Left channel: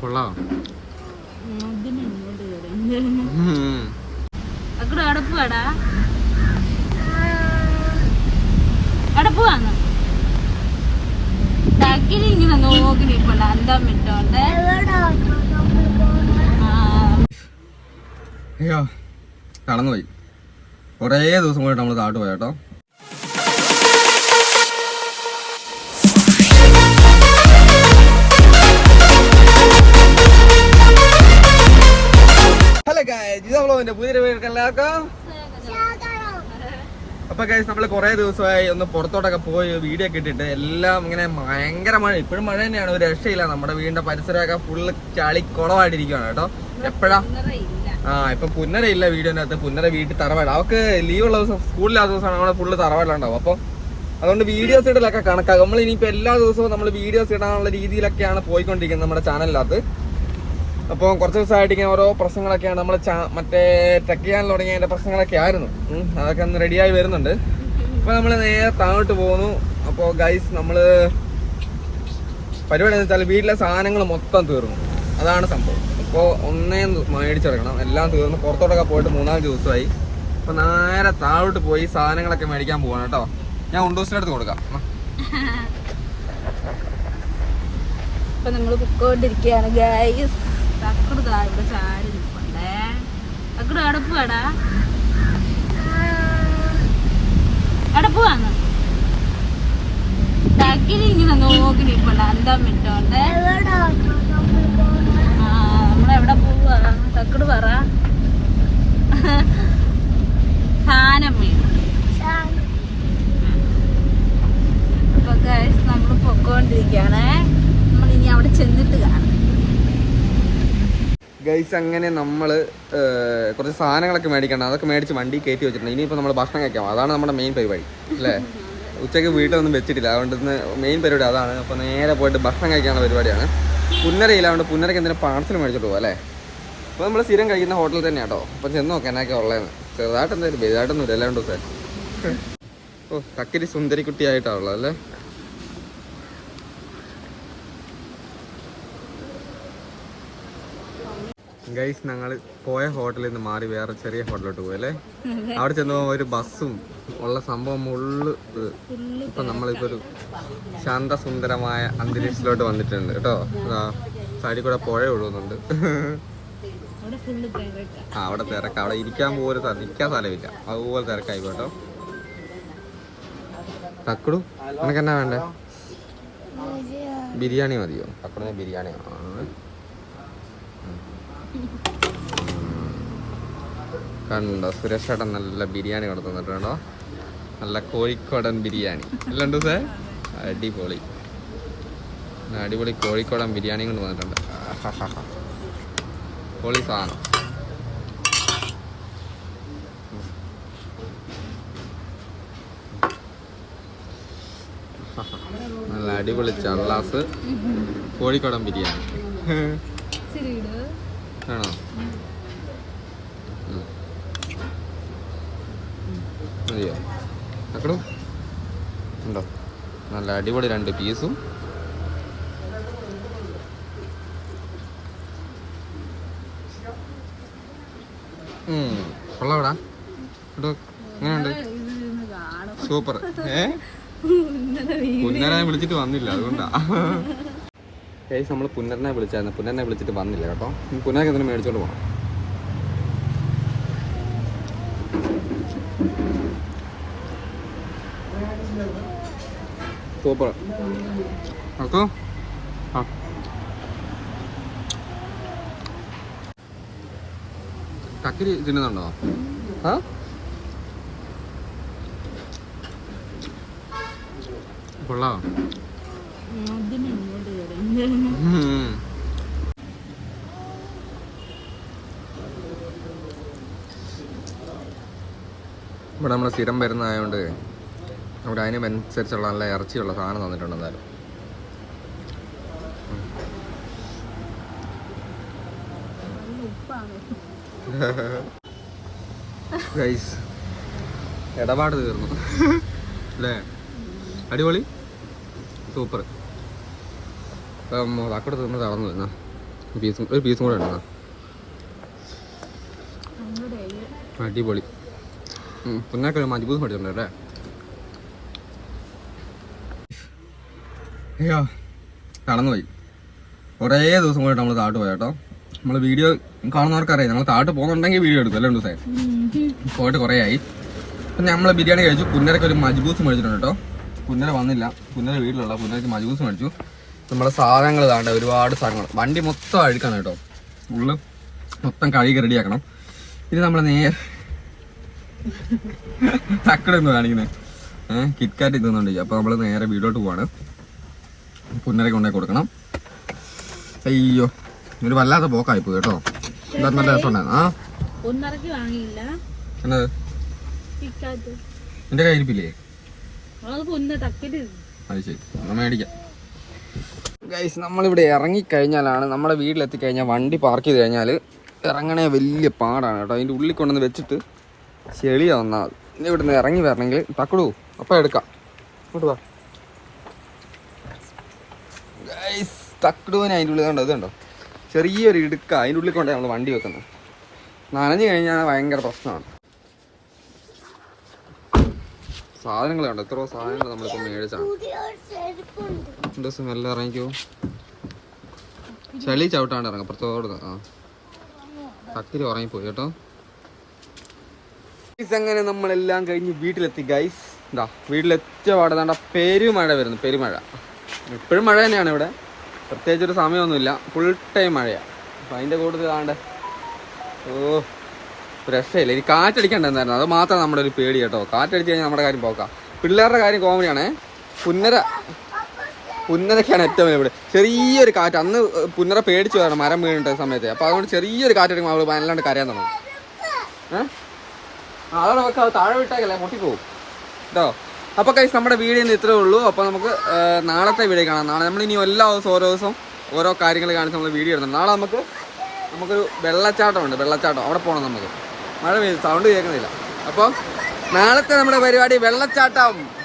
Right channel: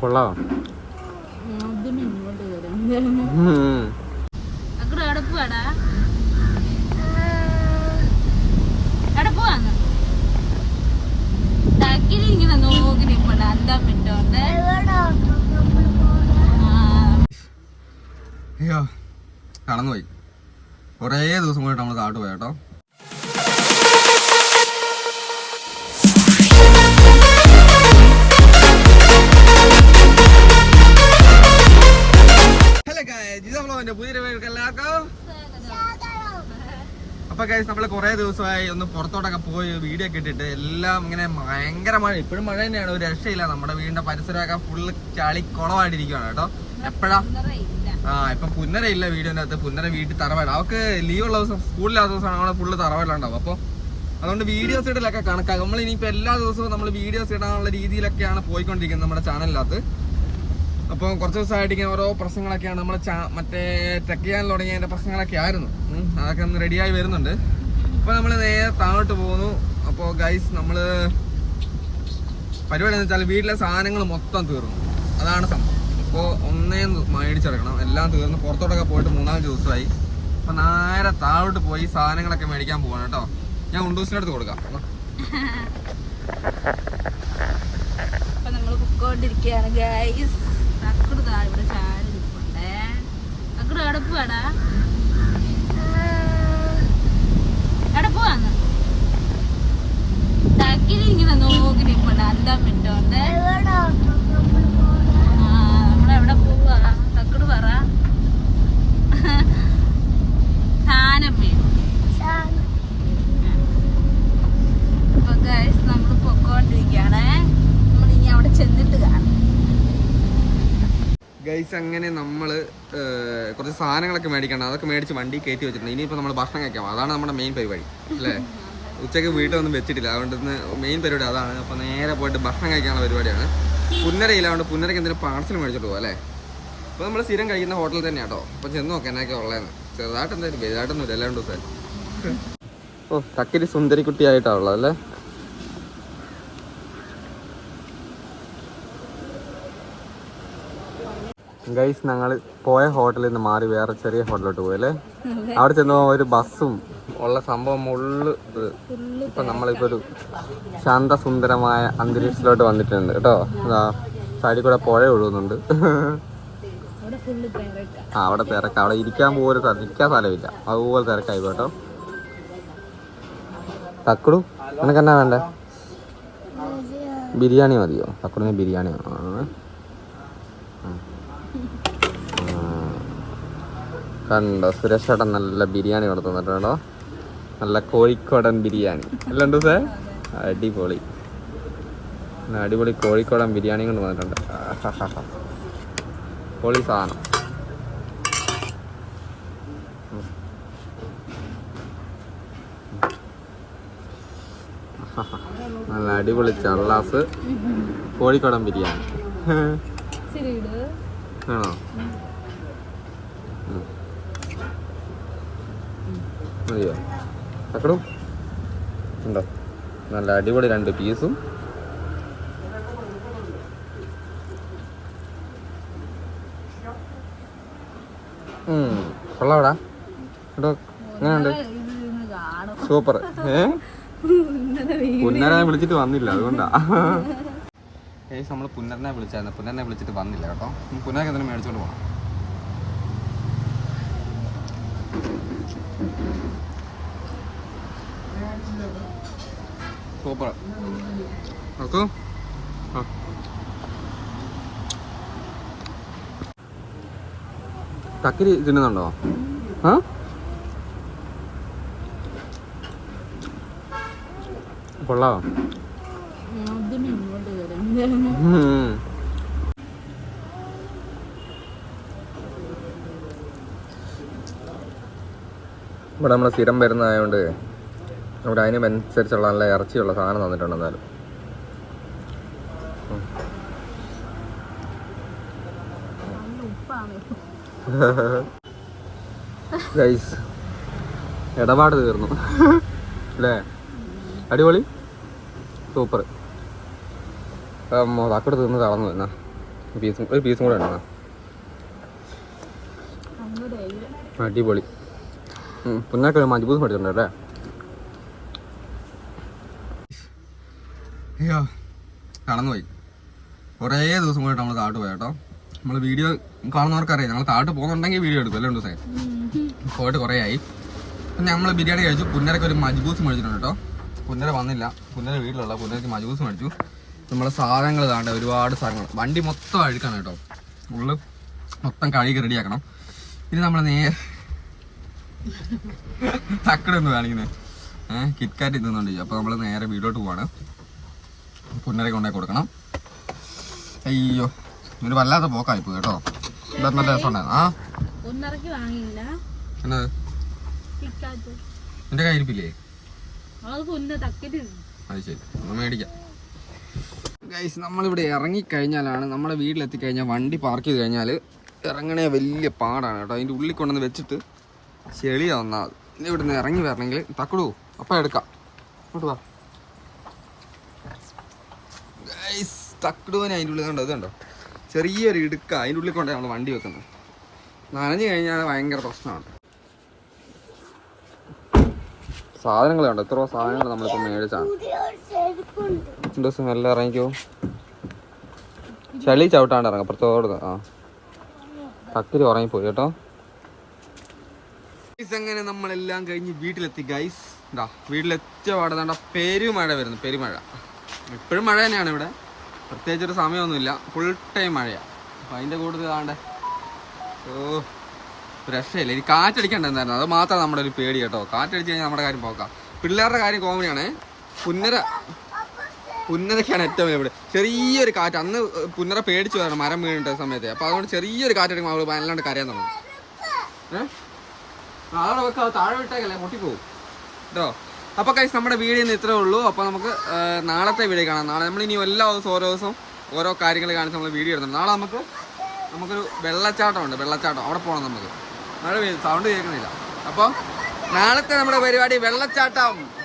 കൊള്ളാം. ഇങ്ങനെ നോക്കി അയ്യോ കടന്നുപോയി. കുറേ ദിവസം കൂടെ നമ്മൾ താട്ട് പോയി ഗൈസ് പുതിയ വീട്ടിൽ എല്ലാവർക്കും അപ്പൊ ഗൈസ് നമ്മൾ കുറെ ദിവസമായി ഒന്ന് പുറത്തോട്ടൊക്കെ പോയി വീഡിയോ ഒക്കെ ഇട്ടിട്ട് എല്ലാം ഇങ്ങനെ ഭയങ്കര മഴ. ഇപ്പോഴും മഴ തന്നെയാണ് ഒരു രക്ഷയില്ല. നമ്മുടെ വീടിന്റെ പരിസരമൊക്കെ ഫുള്ള് ചളി കുളമായിട്ടിരിക്കുകയാണ് കേട്ടോ. എപ്പോഴാ? ആ ഇപ്പൊ പുന്നര ഇല്ല വീഡിയോനകത്ത് പുന്നര വീട്ടിൽ തറവാട്. അവക്ക് ലീവ് ഉള്ള ദിവസം സ്കൂളിലാത്ത ദിവസമാണ്. നമ്മുടെ ഫുള്ള് തറവാടുണ്ടാവും അപ്പൊ അതുകൊണ്ട് വീഡിയോസ് ഇടലൊക്കെ കണക്കാക്കും. നമ്മൾ ഇനിയിപ്പോ എല്ലാ ദിവസവും നമ്മൾ വീഡിയോസ് ഇടാനുള്ള രീതിയിലൊക്കെയാണ് പോയിക്കൊണ്ടിരിക്കുന്നത് നമ്മുടെ ചാനലിനകത്ത് അപ്പോൾ കുറച്ച് ദിവസമായിട്ട് ഇങ്ങനെ ഓരോ പ്രശ്നങ്ങളൊക്കെയാണ് നമ്മൾ മറ്റേ ടെക് ചെയ്യാൻ തുടങ്ങിയതിന്റെ പ്രശ്നങ്ങളൊക്കെ ആയിരുന്നു. അതൊക്കെ ഒന്ന് റെഡിയായി വരുന്നുണ്ട്. അപ്പൊ നമ്മൾ നേരെ താഴോട്ട് പോകുന്നു. അപ്പോൾ ഗൈസ് നമ്മൾ പരിപാടി എന്ന് വെച്ചാൽ വീട്ടിലെ സാധനങ്ങൾ മൊത്തം തീർന്നു. അതാണ് സംഭവം. അപ്പോൾ ഒന്നേ മേടിച്ചെടുക്കണം. എല്ലാം തീർന്ന് പുറത്തോട്ടൊക്കെ പോയിട്ട് മൂന്നാൽ ദിവസമായി. അപ്പൊ നേരെ താഴോട്ട് പോയി സാധനങ്ങളൊക്കെ മേടിക്കാൻ പോവാണ് കേട്ടോ. ഞാൻ ഉണ്ടോസിന്റെ അടുത്ത് കൊടുക്കാം. ഇപ്പൊ നമ്മൾ പൊക്കോണ്ടിരിക്കയാണ് ഗൈസ് നിൽപ്പണ്ടേ. ഇങ്ങനെ നോക്കി നിൽപ്പണ്ട. അന്തം വിട്ടോണ്ട് ആ നമ്മളെവിടെ പോവാ തക്കട് പറ സാധനം വേണം അപ്പൊ ഗൈസ് നമ്മൾ പൊക്കോണ്ടിരിക്കുകയാണേ നമ്മൾ ഇനി അവിടെ ചെന്നിട്ട് കാണാം ഗൈസ് അങ്ങനെ നമ്മൾ കുറച്ച് സാധനങ്ങളൊക്കെ മേടിക്കണം അതൊക്കെ മേടിച്ച് വണ്ടി കയറ്റി വെച്ചിട്ടുണ്ട്. ഇനിയിപ്പോൾ നമ്മൾ ഭക്ഷണം കഴിക്കാം. അതാണ് നമ്മുടെ മെയിൻ പരിപാടി അല്ലേ? ഉച്ചയ്ക്ക് വീട്ടിലൊന്നും വെച്ചിട്ടില്ല. അതുകൊണ്ട് ഇന്ന് മെയിൻ പരിപാടി അതാണ്. അപ്പോൾ നേരെ പോയിട്ട് ഭക്ഷണം കഴിക്കാനുള്ള പരിപാടിയാണ്. പുന്നരയില്ല അതുകൊണ്ട് പുന്നരയ്ക്ക് എന്തെങ്കിലും പാർസൽ മേടിച്ചിട്ട് പോകും അല്ലേ? അപ്പോൾ നമ്മൾ സ്ഥിരം കഴിക്കുന്ന ഹോട്ടലിൽ തന്നെയാണ് കേട്ടോ അപ്പം ചെന്ന് നോക്കാം എന്നൊക്കെ ഉള്ളതെന്ന് ചെറുതായിട്ട് എന്തായാലും വലുതായിട്ടൊന്നും ഇല്ല ദിവസം ഓ തക്കിരി സുന്ദരിക്കുട്ടിയായിട്ടാണ് ഉള്ളത് അല്ലേ? ഗൈസ് ഞങ്ങൾ പോയ ഹോട്ടലിൽ നിന്ന് മാറി വേറെ ചെറിയ ഹോട്ടലിലോട്ട് അല്ലേ? അവിടെ ചെന്നപ്പോ ഒരു ബസ്സും ഉള്ള സംഭവം ഉള്ളു. ഇപ്പൊ നമ്മളിപ്പോ ഒരു ശാന്തസുന്ദരമായ അന്തരീക്ഷത്തിലോട്ട് വന്നിട്ടുണ്ട് കേട്ടോ. സൈഡിൽ കൂടെ പുഴ ഒഴുകുന്നുണ്ട്. ആ അവിടെ തിരക്ക്. അവിടെ ഇരിക്കാൻ പോലും നിൽക്കാൻ സ്ഥലമില്ല. അതുപോലെ തിരക്കായി കേട്ടോ. തക്കടു നിനക്ക് എന്നാ വേണ്ട? ബിരിയാണി മതിയോ? തക്കടുന്ന് ബിരിയാണി വേണോ. കണ്ടോ സുരേഷ് ചേട്ടൻ നല്ല ബിരിയാണി കൊടുത്തു തന്നിട്ടുണ്ടോ നല്ല കോഴിക്കോടൻ ബിരിയാണി. അല്ലണ്ടോ സാർ അടിപൊളി. അടിപൊളി കോഴിക്കോടൻ ബിരിയാണി കൊണ്ട് വന്നിട്ടുണ്ട്. പൊളി സാധനം. നല്ല അടിപൊളി ചള്ളാസ് കോഴിക്കോടൻ ബിരിയാണി. ആണോ. മതിയോ തക്കടും ഉണ്ടോ? നല്ല അടിപൊളി രണ്ട് പീസും. കൊള്ളാവടാ കേട്ടോ എങ്ങനെയുണ്ട്? സൂപ്പർ. ഏ? ഇന്നലെ വിളിച്ചിട്ട് വന്നില്ല അതുകൊണ്ടാ. ഏകദേശം നമ്മൾ പുനർനെ വിളിച്ചായിരുന്നു. പുനർനെ വിളിച്ചിട്ട് വന്നില്ല കേട്ടോ. ഇനി എന്തിനും മേടിച്ചോണ്ട് പോകണം സൂപ്പർ. ഓക്കോ ആ. കക്കിരി തിന്നുന്നുണ്ടോ? ആ? കൊള്ളാം. ആദ്യമേ ഇങ്ങോട്ട് ഉം. ഇവിടെ നമ്മൾ സ്ഥിരം വരുന്നതായതുകൊണ്ട് ഇവിടെ അതിനനുസരിച്ചുള്ള നല്ല ഇറച്ചിയുള്ള സാധനം തന്നിട്ടുണ്ട് എന്നാലും ഇടപാട് തീർന്നു. അല്ലേ? അടിപൊളി. സൂപ്പർ. തക്കട് നിന്ന് തളർന്നു എന്നാ. പീസും ഒരു പീസും കൂടെ ഉണ്ടെന്നാ അടിപൊളി. പുന്നൊക്കെ ഒരു മജ്ബൂസ് പഠിച്ചിട്ടുണ്ട് അല്ലേ? അയ്യോ കടന്നുപോയി കുറേ ദിവസം കൂടെ നമ്മൾ താട്ട് പോയി കേട്ടോ. നമ്മൾ വീഡിയോ കാണുന്നവർക്കറിയാം. നമ്മൾ താട്ട് പോകുന്നുണ്ടെങ്കിൽ വീഡിയോ എടുക്കും. അല്ലേ ദിവസം പോയിട്ട് കുറേ ആയി. പിന്നെ നമ്മൾ ബിരിയാണി കഴിച്ചു. പുന്നരക്ക് ഒരു മജ്ബൂസ് മേടിച്ചിട്ടുണ്ട് കേട്ടോ. പുന്നര വന്നില്ല. പുന്നര വീട്ടിലുള്ള പുന്നരക്ക് മജ്ബൂസ് മേടിച്ചു. നമ്മളെ സാധനങ്ങൾ ഇതാണ്ട് ഒരുപാട് സാധനങ്ങൾ. വണ്ടി മൊത്തം അഴുക്കാണ് കേട്ടോ. ഉള്ളു മൊത്തം കഴുകി റെഡിയാക്കണം. ഇനി നമ്മൾ നേരെ തക്കടൊന്ന് കാണിക്കുന്നത് ഏഹ് കിറ്റ്കാറ്റ് തിന്നുന്നുണ്ട് അപ്പൊ നമ്മൾ നേരെ വീടോട്ട് പോവാണ്. പുന്നരക്ക് കൊണ്ടേ കൊടുക്കണം. അയ്യോ ഒരു വല്ലാത്ത പോക്കായിപ്പോ കേട്ടോ. എന്താ നല്ല രസമുണ്ടായിരുന്നു ആ. എന്നത്? എന്റെ കയ്യിരിപ്പില്ലേ അത് ശരി. ഒന്ന് മേടിക്കാം. ഗൈസ് നമ്മളിവിടെ ഇറങ്ങിക്കഴിഞ്ഞാലാണ് നമ്മുടെ വീട്ടിലെത്തിക്കഴിഞ്ഞാൽ വണ്ടി പാർക്ക് ചെയ്ത് കഴിഞ്ഞാൽ ഇറങ്ങണേ വലിയ പാടാണ് കേട്ടോ. അതിന്റെ ഉള്ളിൽ കൊണ്ടുവന്ന് വെച്ചിട്ട് ചെളിയാ ഒന്നാമത് ഇനി ഇവിടുന്ന് ഇറങ്ങി വരണമെങ്കിൽ തക്കടൂ അപ്പം എടുക്കാം. ഇങ്ങോട്ട് വാ. ഗൈസ് തക്കടൂവിന് അതിന്റെ ഉള്ളിൽ കണ്ടോ? ഇതുണ്ടോ? ചെറിയൊരു ഇടുക്ക അതിന്റെ ഉള്ളിൽ കൊണ്ടാണ് നമ്മൾ വണ്ടി വെക്കുന്നത്. നനഞ്ഞു കഴിഞ്ഞാൽ ഭയങ്കര പ്രശ്നമാണ്. സാധനങ്ങൾ കണ്ടോ എത്ര സാധനങ്ങൾ നമ്മളിപ്പോൾ മേടിച്ചാണ്. ദിവസം എല്ലാം ഇറങ്ങിക്കോ. ചളി ചവിട്ടാണ്ട് ഇറങ്ങാം. പുറത്തോട് ആ. കത്തിരി ഉറങ്ങിപ്പോയി കേട്ടോ. അങ്ങനെ നമ്മളെല്ലാം കഴിഞ്ഞ് വീട്ടിലെത്തി ഗൈസ് ഇതാ വീട്ടിലെത്തിയ പാടെ വേണ്ട പെരുമഴ വരുന്നു. പെരുമഴ. ഇപ്പോഴും മഴ തന്നെയാണ് ഇവിടെ. പ്രത്യേകിച്ചൊരു സമയമൊന്നുമില്ല. ഫുൾ ടൈം മഴയാണ് അപ്പം അതിന്റെ കൂടുതൽ കാണണ്ടേ ഓ. രക്ഷയില്ല. ഇനി കാറ്റടിക്കണ്ടെന്നായിരുന്നു. അത് മാത്രം നമ്മുടെ ഒരു പേടി കേട്ടോ. കാറ്റടിച്ച് കഴിഞ്ഞാൽ നമ്മുടെ കാര്യം പോക്കാം. പിള്ളേരുടെ കാര്യം കോമഡിയാണേ. പുന്നര പുന്നരക്കാണ് ഏറ്റവും ഇവിടെ ചെറിയൊരു കാറ്റ്. അന്ന് പുന്നര പേടിച്ചു വരണം മരം വീണിട്ട സമയത്ത്. അപ്പൊ അതുകൊണ്ട് ചെറിയൊരു കാറ്റടിക്കുമ്പോൾ അവൾ വല്ലാണ്ട് കരയാൻ തുടങ്ങും. ഏഹ് അതോടെ വെക്കാം. അത് താഴെ വിട്ടേക്കല്ലേ? പൊട്ടിപ്പോവും. കേട്ടോ അപ്പോൾ കൈസ് നമ്മുടെ വീഡിയോ ഇന്ന് ഇത്രേ ഉള്ളൂ. അപ്പോൾ നമുക്ക് നാളത്തെ വീഡിയോ കാണാം. നാളെ നമ്മൾ ഇനി എല്ലാ ദിവസവും ഓരോ ദിവസം ഓരോ കാര്യങ്ങൾ കാണിച്ച് നമ്മൾ വീഡിയോ എടുക്കണം. നാളെ നമുക്ക് നമുക്കൊരു വെള്ളച്ചാട്ടം ഉണ്ട് വെള്ളച്ചാട്ടം. അവിടെ പോകണം നമുക്ക്. മഴ പെയ്തു സൗണ്ട് കേൾക്കുന്നില്ല. അപ്പം നാളത്തെ നമ്മുടെ പരിപാടി വെള്ളച്ചാട്ടം.